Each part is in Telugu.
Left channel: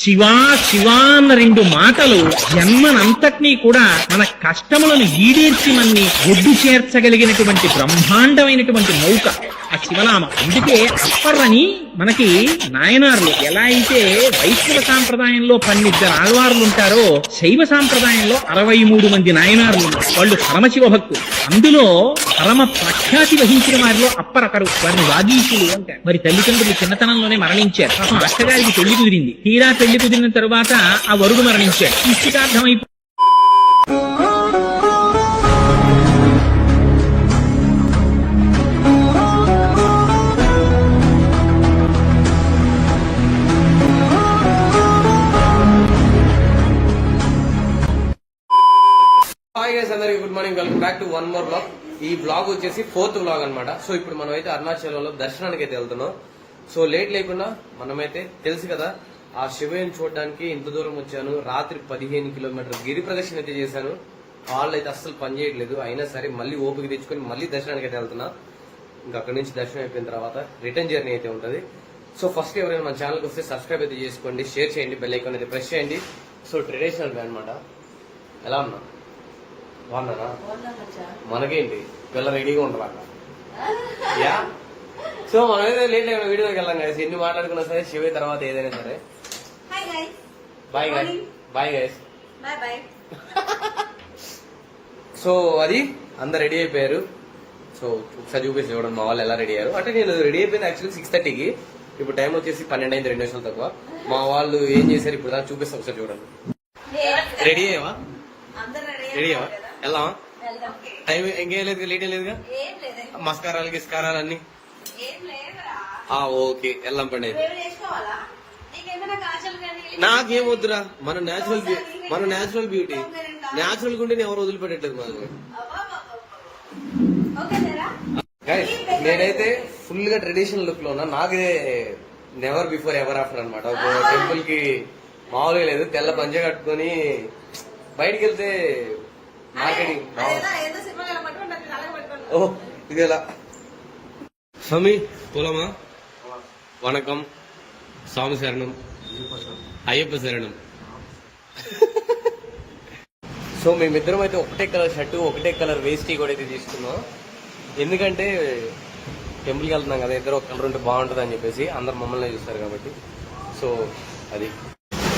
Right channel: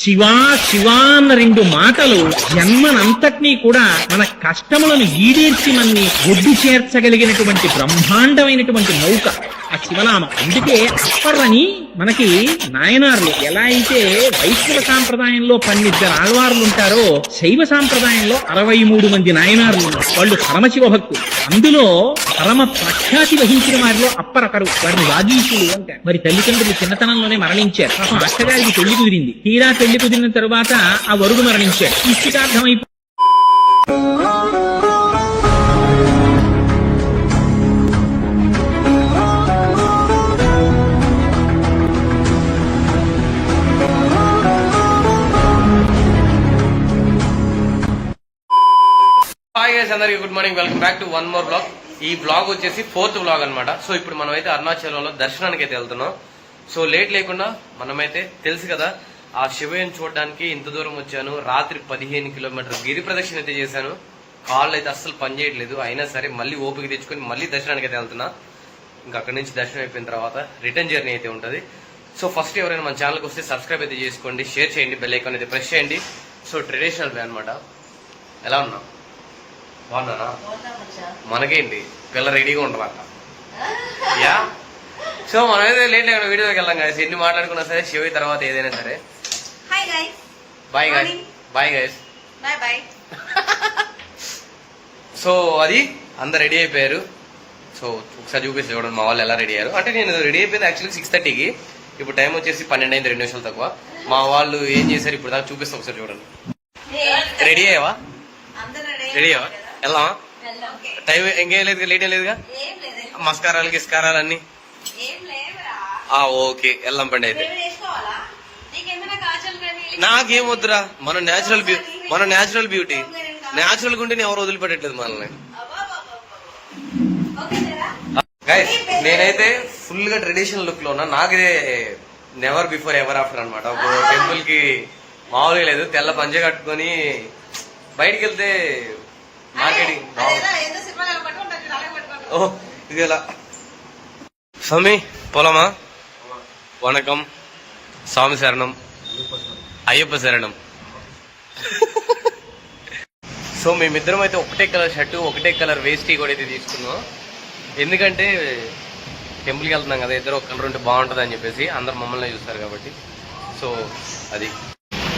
శివా శివా అన్న రెండు మాటలు జన్మనంతటినీ కూడా మన కష్టములను ఈడేర్చి మన్ని ఒడ్డు చేర్చగలిగినటువంటి బ్రహ్మాండమైనటువంటి నౌక ఆ శివనామం. అందుకే అప్పర్రని మనకి నాయనార్లు ఎలా అయితే వైష్ణవ సాంప్రదాయంలో 12 ఆళ్వార్లు ఉంటారో శైవ సాంప్రదాయంలో 63 మంది నాయనార్లు ఉన్నారు. వాళ్ళు పరమశివ భక్తులు. అందులో పరమ ప్రఖ్యాతి వహించిన వారిలో అప్పరకరు. వారిని వాగీశులు అంటారు. మరి తల్లిదండ్రులు చిన్నతనంలోనే మరణించారు. పాపం అక్కగారికి పెళ్లి కుదిరింది. తీరా పెళ్లి కుదిరిన తరువాత ఆ వరుడు మరణించాడు. నిశ్చితార్థమైపోయి హాయ్ గైస్, అందరికి good morning. Welcome back to one more blog. ఈ బ్లాగ్ వచ్చేసి 4th బ్లాగ్ అనమాట. సో ఇప్పుడు మనం అయితే అరుణాచలంలో దర్శనానికి అయితే వెళ్తున్నాం. సో లేట్ లేకుండా మనమైతే తెలుసు కదా, ఆ శివయ్యని చూడడానికి ఇంత దూరం వచ్చాను. రాత్రి 15 కిలోమీటర్ గిరి ప్రదక్షిణ అయితే చేశాను. కాళ్ళు అయితే అస్సలు పనిచేయట్లేదు. అయినా సరే మళ్ళీ ఓపిక తెచ్చుకొని మళ్ళీ దర్శనానికి అయితే వెళ్తున్నా. ఇంకా అక్కడి నుంచి దర్శనం అయిపోయిన తర్వాత రిటర్న్ జర్నీ అయితే ఉంటుంది. సో ఫస్ట్ ఎవరైనా మన ఛానల్కి వస్తే సబ్స్క్రైబ్ అయితే చేసుకోండి, షేర్ చేయండి, బెల్ ఐకాన్ అయితే ప్రెస్ చేయండి. సో ట్రెడిషనల్ వే అనమాట. ఎలా ఉన్నా? బాగున్నానా? మనకేంటి, పిల్ల రెడీగా ఉండాలంట. యా. సో మనం అయితే లేట్ లేకుండా వీడియోకి వెళ్దాం కదా. ఎన్ని మాట్లాడుకున్నా సరే శివయ్య తర్వాత ఏదైనా సరే. Bye guys. Bye guys. So అది అందరు రెడీ అయిపోయారు. సో ఒకసారి చూపిస్తే చూడండి మా వాళ్ళు ఎలా రెడీ అయ్యారు. అంటే నేను రెడీ అయిపోయింది యాక్చువల్లీ 6:30కి. ఇప్పుడు టైం వచ్చేసి 12 అయింది, 2 నిమిషాలు తక్కువ. మా వాళ్ళు ఏం చేశారు ఇప్పుడు దాకా చూపిస్తాం, ఒకసారి చూడండి. రెడీ అయ్యావా? రెడీ అయ్యావా? వెళ్దామా? టైం ఇంకేం లేదు, లేట్ ఏం లేదుగా. మస్కారాలు గిస్కారాలు అన్ని ఓకే, వెళ్దాం పండి. అయితే నాకేం వద్దురా, మన న్యాచురల్ బ్యూటీ న్యాచురల్ గుంటే ఎవరు వదిలిపెట్టట్లేదు మనల్ని. గైస్ నేనైతే ఫుల్ గా ట్రెడిషనల్ లుక్ లో ఉన్నా. నాకిదే నెవర్ బిఫోర్ ఎవర్ ఆఫ్టర్ అనమాట. ఒక టెంపుల్ కి మామూలుగా లేదు, తెల్ల పంచ కట్టుకొని బయటికి వెళ్తే మార్కెటింగ్. ఓ ఇది ఎలా స్వామి పోలామా? వణకం, స్వామి శరణం, అయ్యప్ప శరణం. సో మేమిద్దరం అయితే ఒకటే కలర్ షర్టు, ఒకటే కలర్ వేస్టీ కూడా అయితే తీసుకున్నాం. ఎందుకంటే టెంపుల్కి వెళ్తున్నాం కదా, ఇద్దరు ఒక కలర్ ఉంటే బాగుంటుంది అని చెప్పేసి అందరు మమ్మల్ని చూస్తారు కాబట్టి. సో అది.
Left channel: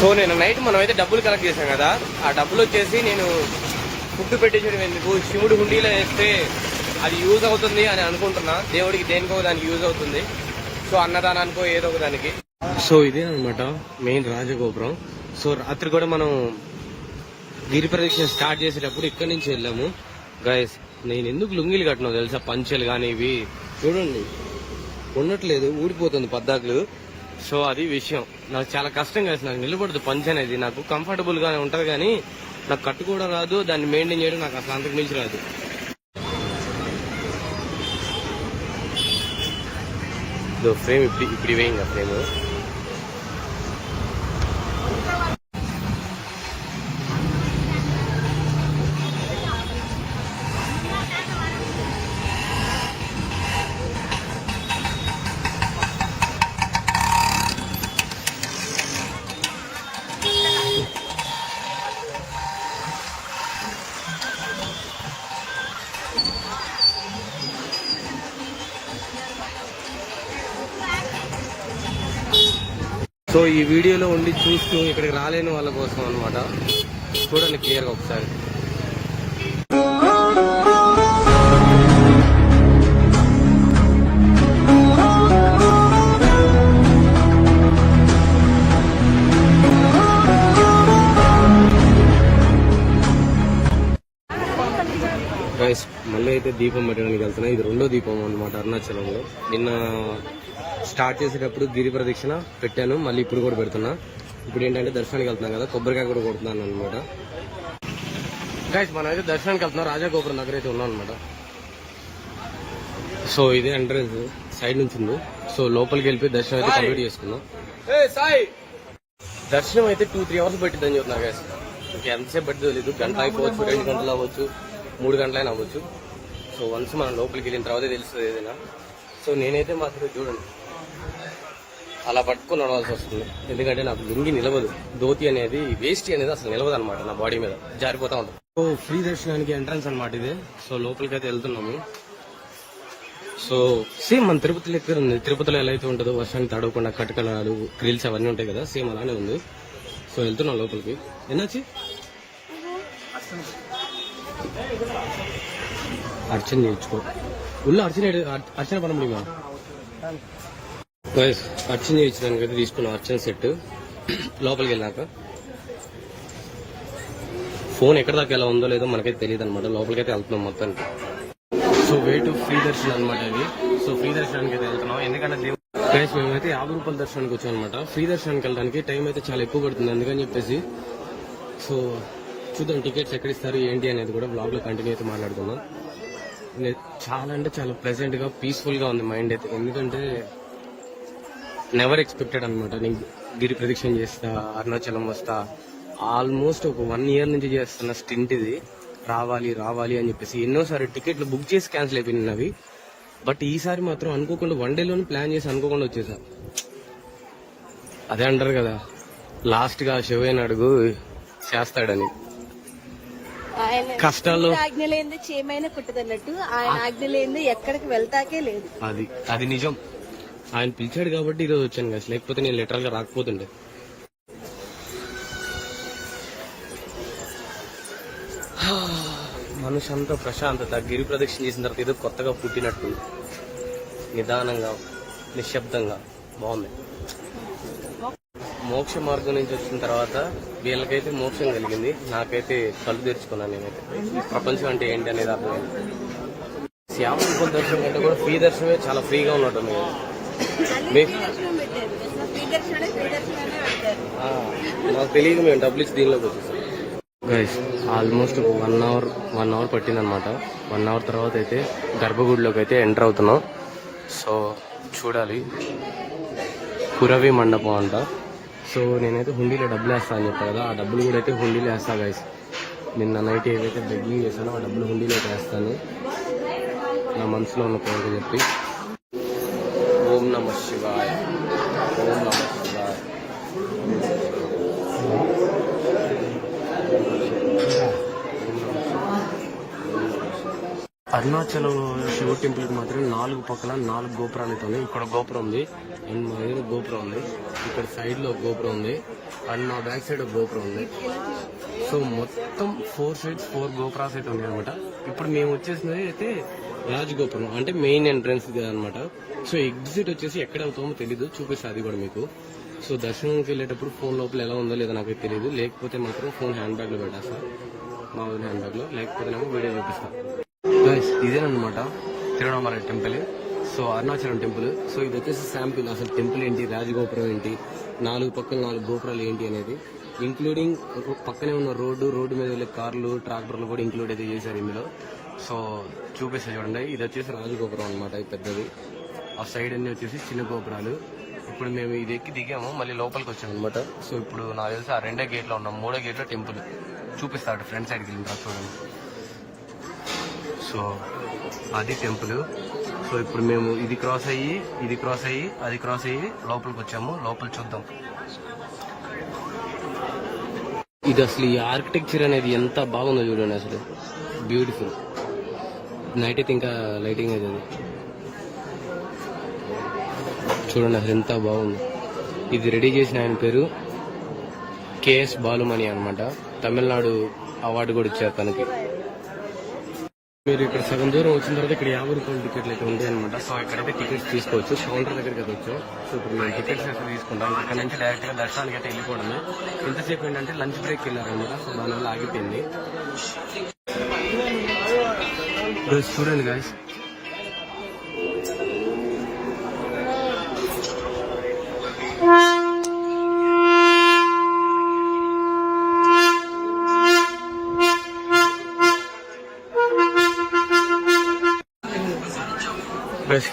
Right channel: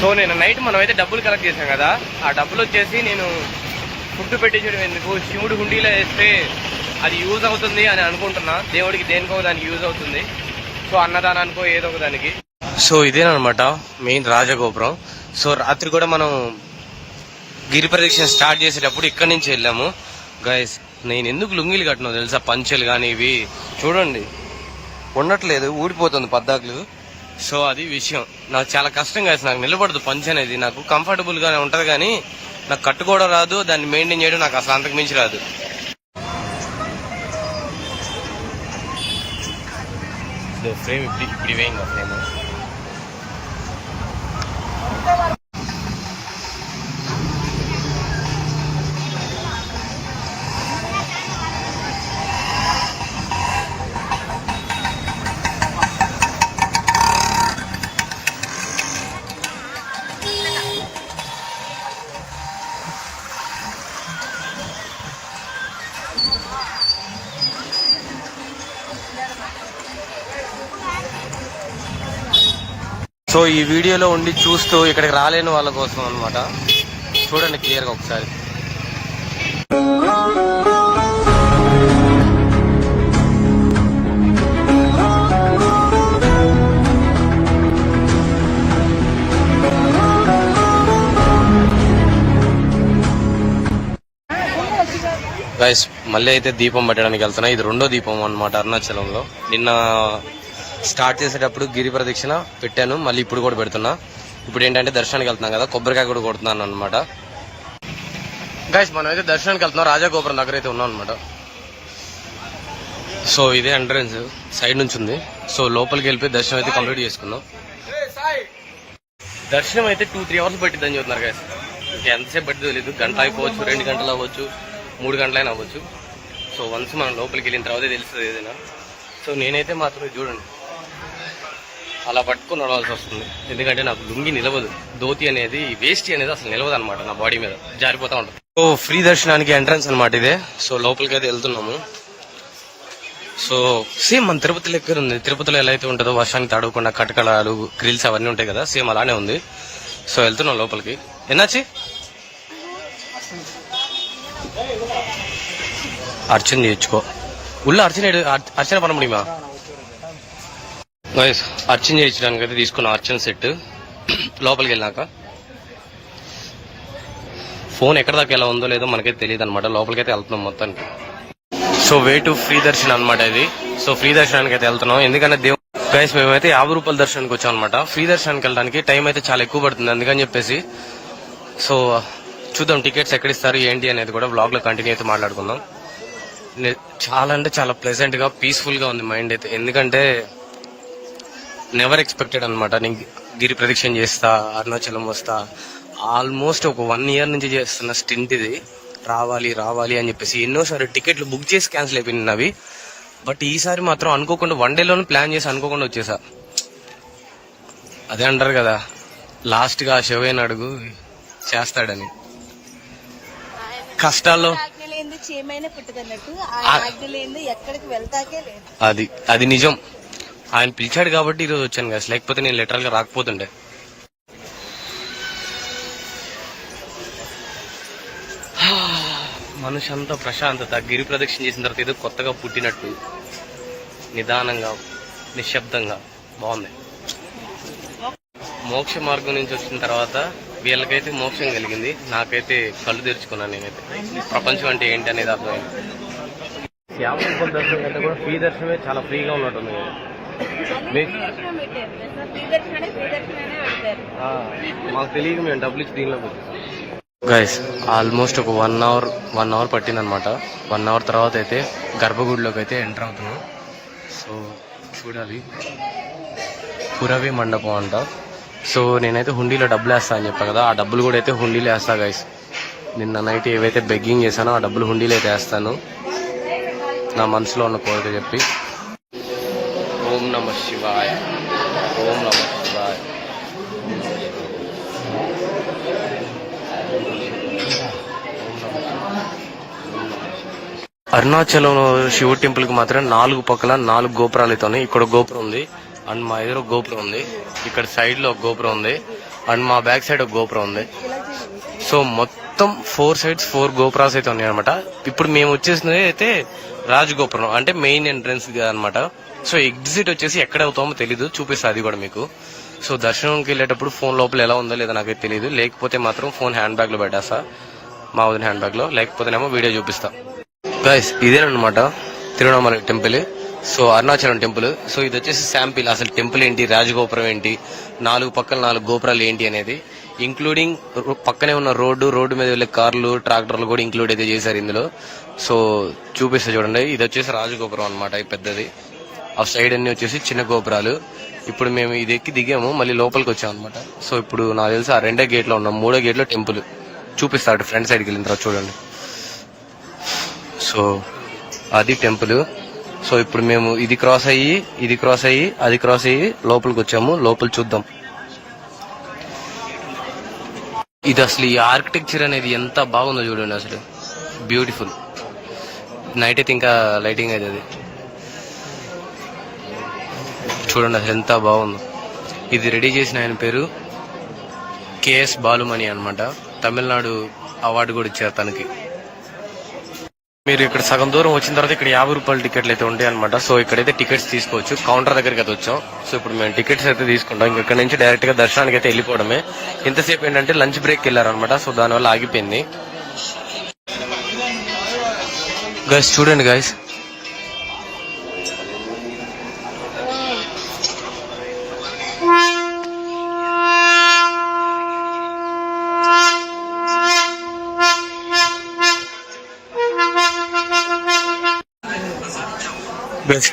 సో నేను నైట్ మనం అయితే డబ్బులు కలెక్ట్ చేశాం కదా, ఆ డబ్బులు వచ్చేసి నేను ఫుడ్ పెట్టించడం ఎందుకు, శివుడు హుండీలో వేస్తే అది యూజ్ అవుతుంది అని అనుకుంటున్నా. దేవుడికి దేనికో దానికి యూజ్ అవుతుంది. సో అన్నదానానికో ఏదో ఒక దానికి. సో ఇదేనమాట మెయిన్ రాజగోపురం. సో రాత్రి కూడా మనం గిరి ప్రదక్షిణ స్టార్ట్ చేసేటప్పుడు ఇక్కడి నుంచి వెళ్ళాము. గైస్ నేను ఎందుకు లుంగిలు కట్టినా తెలుసా? పంచెలు కానీ ఇవి చూడండి ఉండట్లేదు, ఊడిపోతుంది పద్దాకులు. సో అది విషయం. నాకు చాలా కష్టం కాదు, నాకు నిలబడదు పంచ్ అనేది. నాకు కంఫర్టబుల్ గానే ఉంటది కానీ నాకు కట్టుకోవడం రాదు, దాన్ని మెయింటైన్ చేయడం నాకు అసలు అంతకు మించి రాదు. ఫ్రేమ్ ఇప్పుడు ఇవే ఇంకా ఫ్రేమ్. సో ఈ వీడియోలో ఉండి చూస్తూ ఇక్కడికి రాలేని వాళ్ళ కోసం అనమాట. చూడండి క్లియర్గా ఒకసారి. గైస్ మళ్ళీ అయితే దీపం పెట్టడానికి వెళ్తున్నా. ఇది 2వ దీపం అనమాట అరుణాచలంలో. నిన్న స్టార్ట్ చేసేటప్పుడు గిరి ప్రదక్షిణ పెట్టాను, మళ్ళీ ఇప్పుడు కూడా పెడుతున్నా. ఇప్పుడు ఏంటంటే దర్శనానికి వెళ్తున్నాం కదా, కొబ్బరికాయ కూడా కొడుతున్నాను అనమాట. గైస్ మనం అయితే దర్శనానికి వెళ్తున్నాం, రాజగోపురం దగ్గర అయితే ఉన్నాం అనమాట. సో ఇదే ఎంట్రన్స్, సైడ్ నుంచి ఉంది. సో లోపలికి వెళ్ళిపోయి దర్శనం అయితే కంప్లీట్ చేసుకున్నాం. దర్శనం అయితే 2-3 అవర్స్ పట్టిద్దని చెప్తున్నారు గైస్. ఇంకా ఎంతసేపు పట్టిదో తెలియదు. గంట అయిపోవచ్చు, 2 గంటలు అవ్వచ్చు, 3 గంటలైనా అవ్వచ్చు. సో వన్స్ మనం లోపలికి వెళ్ళిన తర్వాత తెలుస్తుంది ఏదైనా. సో నేనైతే మాత్రం చూడండి అలా పట్టుకుని నడవాల్సి వస్తుంది, ఎందుకంటే నాకు లుంగి నిలవదు, ధోతి అనేది వేస్ట్ అనేది అసలు నిలవదు అనమాట, నా బాడీ మీద జారిపోతా ఉంటుంది. సో ఫ్రీ దర్శనానికి ఎంట్రన్స్ అనమాట ఇదే. సో లోపలికి అయితే వెళ్తున్నాము. సో సేమ్ మన తిరుపతి లెక్క ఉంది. తిరుపతిలో ఎలా అయితే ఉంటుందో వర్షానికి తడవకుండా కటకడాలు గ్రిల్స్ అవన్నీ ఉంటాయి కదా, సేమ్ అలానే ఉంది. సో వెళ్తున్నాం లోపలికి. ఎన్నాచి అర్చన చేయించుకో, ఉள்ள అర్చన పన ముడిమా అర్చన చేయించడానికి అయితే తీసుకున్నాం అర్చన సెట్. లోపలికి వెళ్ళాక ఫోన్ ఎక్కడ దాకా ఎలా ఉందో లేదో మనకైతే తెలియదు అనమాట. లోపలికైతే వెళ్తున్నాం మొత్తానికి. సో వే టు ఫ్రీ దర్శనం అనమాట ఇది. సో ఫ్రీ దర్శనానికి అయితే వెళ్తున్నాం, ఎందుకంటే గైస్ మేమైతే 50 రూపాయల దర్శనానికి వచ్చాం అనమాట. ఫ్రీ దర్శనానికి వెళ్ళడానికి టైం అయితే చాలా ఎక్కువ పడుతుంది, అందుకని చెప్పేసి. సో చూద్దాం టికెట్స్ ఎక్కడిస్తారు ఏంటి అనేది కూడా వ్లాగ్ లో కంటిన్యూ అయితే మాట్లాడుకుందాం. చాలా అంటే చాలా ప్లెజెంట్ గా పీస్ఫుల్ గా ఉంది మైండ్ అయితే, ఎందుకంటే నెవర్ ఎక్స్పెక్టెడ్ అనమాట. నేను గిరి ప్రదక్షిణ చేస్తా, అరుణాచలం వస్తా, ఆల్మోస్ట్ ఒక 1 year నుంచి చేస్తున్న స్టింట్ ఇది. రావాలి రావాలి అని చెప్పేసి ఎన్నోసారి టికెట్లు బుక్ చేసి క్యాన్సిల్ అయిపోయినాయి అవి. బట్ ఈసారి మాత్రం అనుకోకుండా 1 day లోనే ప్లాన్ చేసి అనుకోకుండా వచ్చేసా. అదే అంటారు కదా, లాస్ట్ గా శివయ్యని అడుగు చేస్తాడని. కష్టాల్లో అది నిజం. ఆయన పిలిచాడు కాబట్టి ఈరోజు వచ్చాను కదా, లేకపోతే నేను లిటరల్ గా రాకపోతుండే. మనిషి అంతా ప్రశాంతత, గిరి ప్రదక్షిణ చేసిన తర్వాత ఏదో కొత్తగా పుట్టినట్టు నిదానంగా నిశ్శబ్దంగా బాగుంది. మోక్ష మార్గం నుంచి వచ్చిన తర్వాత వీళ్ళకైతే మోక్షం కలిగింది, నాకైతే కళ్ళు తెరుచుకున్నాను. నేనైతే ప్రపంచం అంటే ఏంటి అనేది అర్థమైంది. 50 రూపాయల దర్శనం కంటే కూడా ఫ్రీ దర్శనమే చాలా ఫ్రీగా ఉన్నట్టుంది. మాకు తెలియదు, మేము డబ్బులు ఇచ్చి దీనిలోకి వచ్చేసాం. గైస్ ఆల్మోస్ట్ ఒక 1 hour పట్టింది అనమాట. 1 hour తర్వాత అయితే గర్భగుడిలోకి అయితే ఎంటర్ అవుతున్నాం. సో చూడాలి, పురవి మండపం అంట. సో నేనైతే హుండీలో డబ్బులు వేస్తా అని చెప్పా కదా, ఆ డబ్బులు కూడా అయితే హుండీలో వేస్తా గైస్. నిన్న నైట్ ఏవైతే బెగ్గింగ్ చేశానో ఆ డబ్బులు హుండీలో అయితే వేస్తాను, నా మనసులో ఉన్న కోరిక చెప్పి. ఓం నమః శివాయ, ఓం నమః శివాయ. అరుణాచలం శివుడి టెంపుల్ కి మాత్రం 4 పక్కల 4 గోపురాలు అయితే ఉన్నాయి. ఇక్కడ గోపురం ఉంది, అండ్ మా ఎదురు గోపురం ఉంది, ఇక్కడ సైడ్ లో ఒక గోపురం ఉంది, అండ్ మా బ్యాక్ సైడ్ ఒక గోపురం ఉంది. సో మొత్తం 4 sides 4 గోపురాలు అయితే ఉన్నాయి అనమాట. ఇప్పుడు మేము వచ్చేసినది అయితే రాజగోపురం, అంటే మెయిన్ ఎంట్రన్స్ అనమాట. సో ఎగ్జిట్ వచ్చేసి ఎక్కడ అవుతామో తెలీదు, చూపిస్తా అది కూడా మీకు. సో దర్శనంకి వెళ్ళేటప్పుడు ఫోన్ లోపల ఎలా ఉందో లేదో నాకైతే తెలియదు, లేకపోతే మాత్రం ఫోన్ హ్యాండ్ బ్యాగ్ లో పెట్టేస్తా, మా వదిన హ్యాండ్ బ్యాగ్ లో, లేకపోతేనేమో వీడియో చూపిస్తా. గైస్ ఇదేనమాట Tiruvannamalai temple. So Arunachalam temple. So ఇది వచ్చేసి శాంపిల్, అసలు టెంపుల్ ఏంటి, రాజగోపురం ఏంటి, 4 పక్కల 4 గోపురాలు ఏంటి అనేది, ఇంక్లూడింగ్ పక్కనే ఉన్న రోడ్డు మీద వెళ్ళే కార్లు ట్రాక్టర్లు కూడా ఇంక్లూడ్ అయితే చేశారు ఇందులో. సో చూపిస్తా చూడండి, ఇది వచ్చేసి రాజగోపురం అనమాట, ఈ పెద్దది. ఆ సైడ్ అన్ని వచ్చేసి చిన్న గోపురాలు. ఇప్పుడు మేము ఇది ఎక్కి దిగాము, మళ్ళీ లోపలికి వచ్చాం అనమాట. సో ఇప్పుడు నాకు తెలిసి ఆ 2వ గేట్ లో ఉన్నాం, 3వ గేట్ లో టెంపుల్ చూపిస్తాడు. ఫ్రంట్ సైడ్కి వెళ్ళిన తర్వాత చూడండి. సో అది టెంపుల్. సో ఇప్పుడు మేము ఇది క్రాస్ అయ్యి అది క్రాస్ అయ్యి లోపలికి వచ్చాము. లోపల చూద్దాం. ఇది అసలు ఈ ఆర్కిటెక్చర్ అనేది ఎంత బాగుందో చూడండి, అసలు బ్యూటిఫుల్. నైట్ అయితే ఇంకా లైటింగ్ అవుతుంది చూడండి, అసలు ఎంత బాగుందో. ఇది రెడీ చేసిన ఆయన పేరు కేఎస్ బాలుమణి అనమాట. తమిళనాడు అవార్డు కూడా ఇచ్చారు తనకి. మీరు ఇక్కడ సగం దూరం వచ్చిన తర్వాత ఇక్కడ 50 రూపాయల టికెట్లు అయితే ఉంటాయి అనమాట. సో ఇక్కడైతే టికెట్స్ తీసుకోవచ్చు, కౌంటర్ దగ్గరికి అయితే వచ్చాం. సో ఇప్పుడు మేము టికెట్స్ అయితే తీసుకుంటాం. ఇక్కడ నుంచి డైరెక్ట్ గా దర్శనానికి అయితే వెళ్ళిపోవడమే. ఇంతసేపు ఏంటంటే లంచ్ బ్రేక్ వెళ్ళారనమాట, సో దానివల్ల ఆగిపోయింది. గైస్ చూడండి గైస్,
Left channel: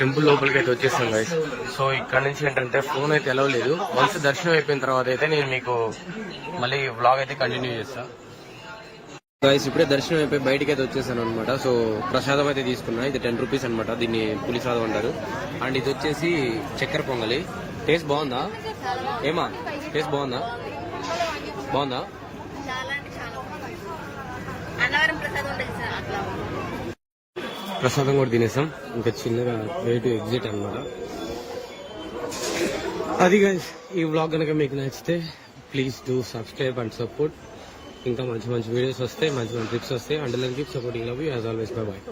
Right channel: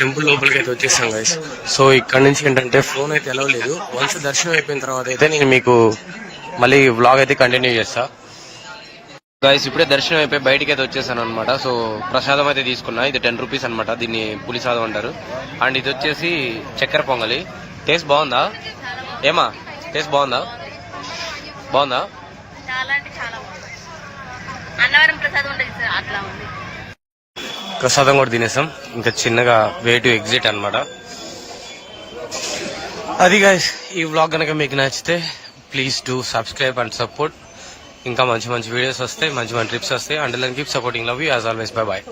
టెంపుల్ లోపలికి అయితే వచ్చేసాం గైస్. సో ఇక్కడ నుంచి ఏంటంటే ఫోన్ అయితే ఎలా లేదు. వన్స్ దర్శనం అయిపోయిన తర్వాత అయితే నేను మీకు మళ్ళీ వ్లాగ్ అయితే కంటిన్యూ చేస్తా గైస్. ఇప్పుడే దర్శనం అయిపోయి బయటకి అయితే వచ్చేసాను అనమాట. సో ప్రసాదం అయితే తీసుకున్నా, ఇది 10 రూపీస్ అనమాట, దీన్ని పులిసాదం అంటారు. అండ్ ఇది వచ్చేసి చక్కెర పొంగలి. టేస్ట్ బాగుందా? చాలా బాగుంది. ఏమా టేస్ట్ బాగుందా? బాగుందా? చాలా అంటే చాలా బాగుంది. అన్నవరం ప్రసాదం ఉంటుంది సార్, అట్లా ఉంది. ప్రసాదం కూడా తినేసాం. ఇంకా చిన్నగా వే టు ఎగ్జిట్ అన్నమాట. అది గైస్, ఈ వ్లాగ్ కనుక మీకు నచ్చితే please do subscribe and support. ఇంకా మంచి మంచి వీడియోస్ వస్తాయి, మంచి మంచి ట్రిప్స్ వస్తాయి. And then keep supporting. Love you as always. Bye bye.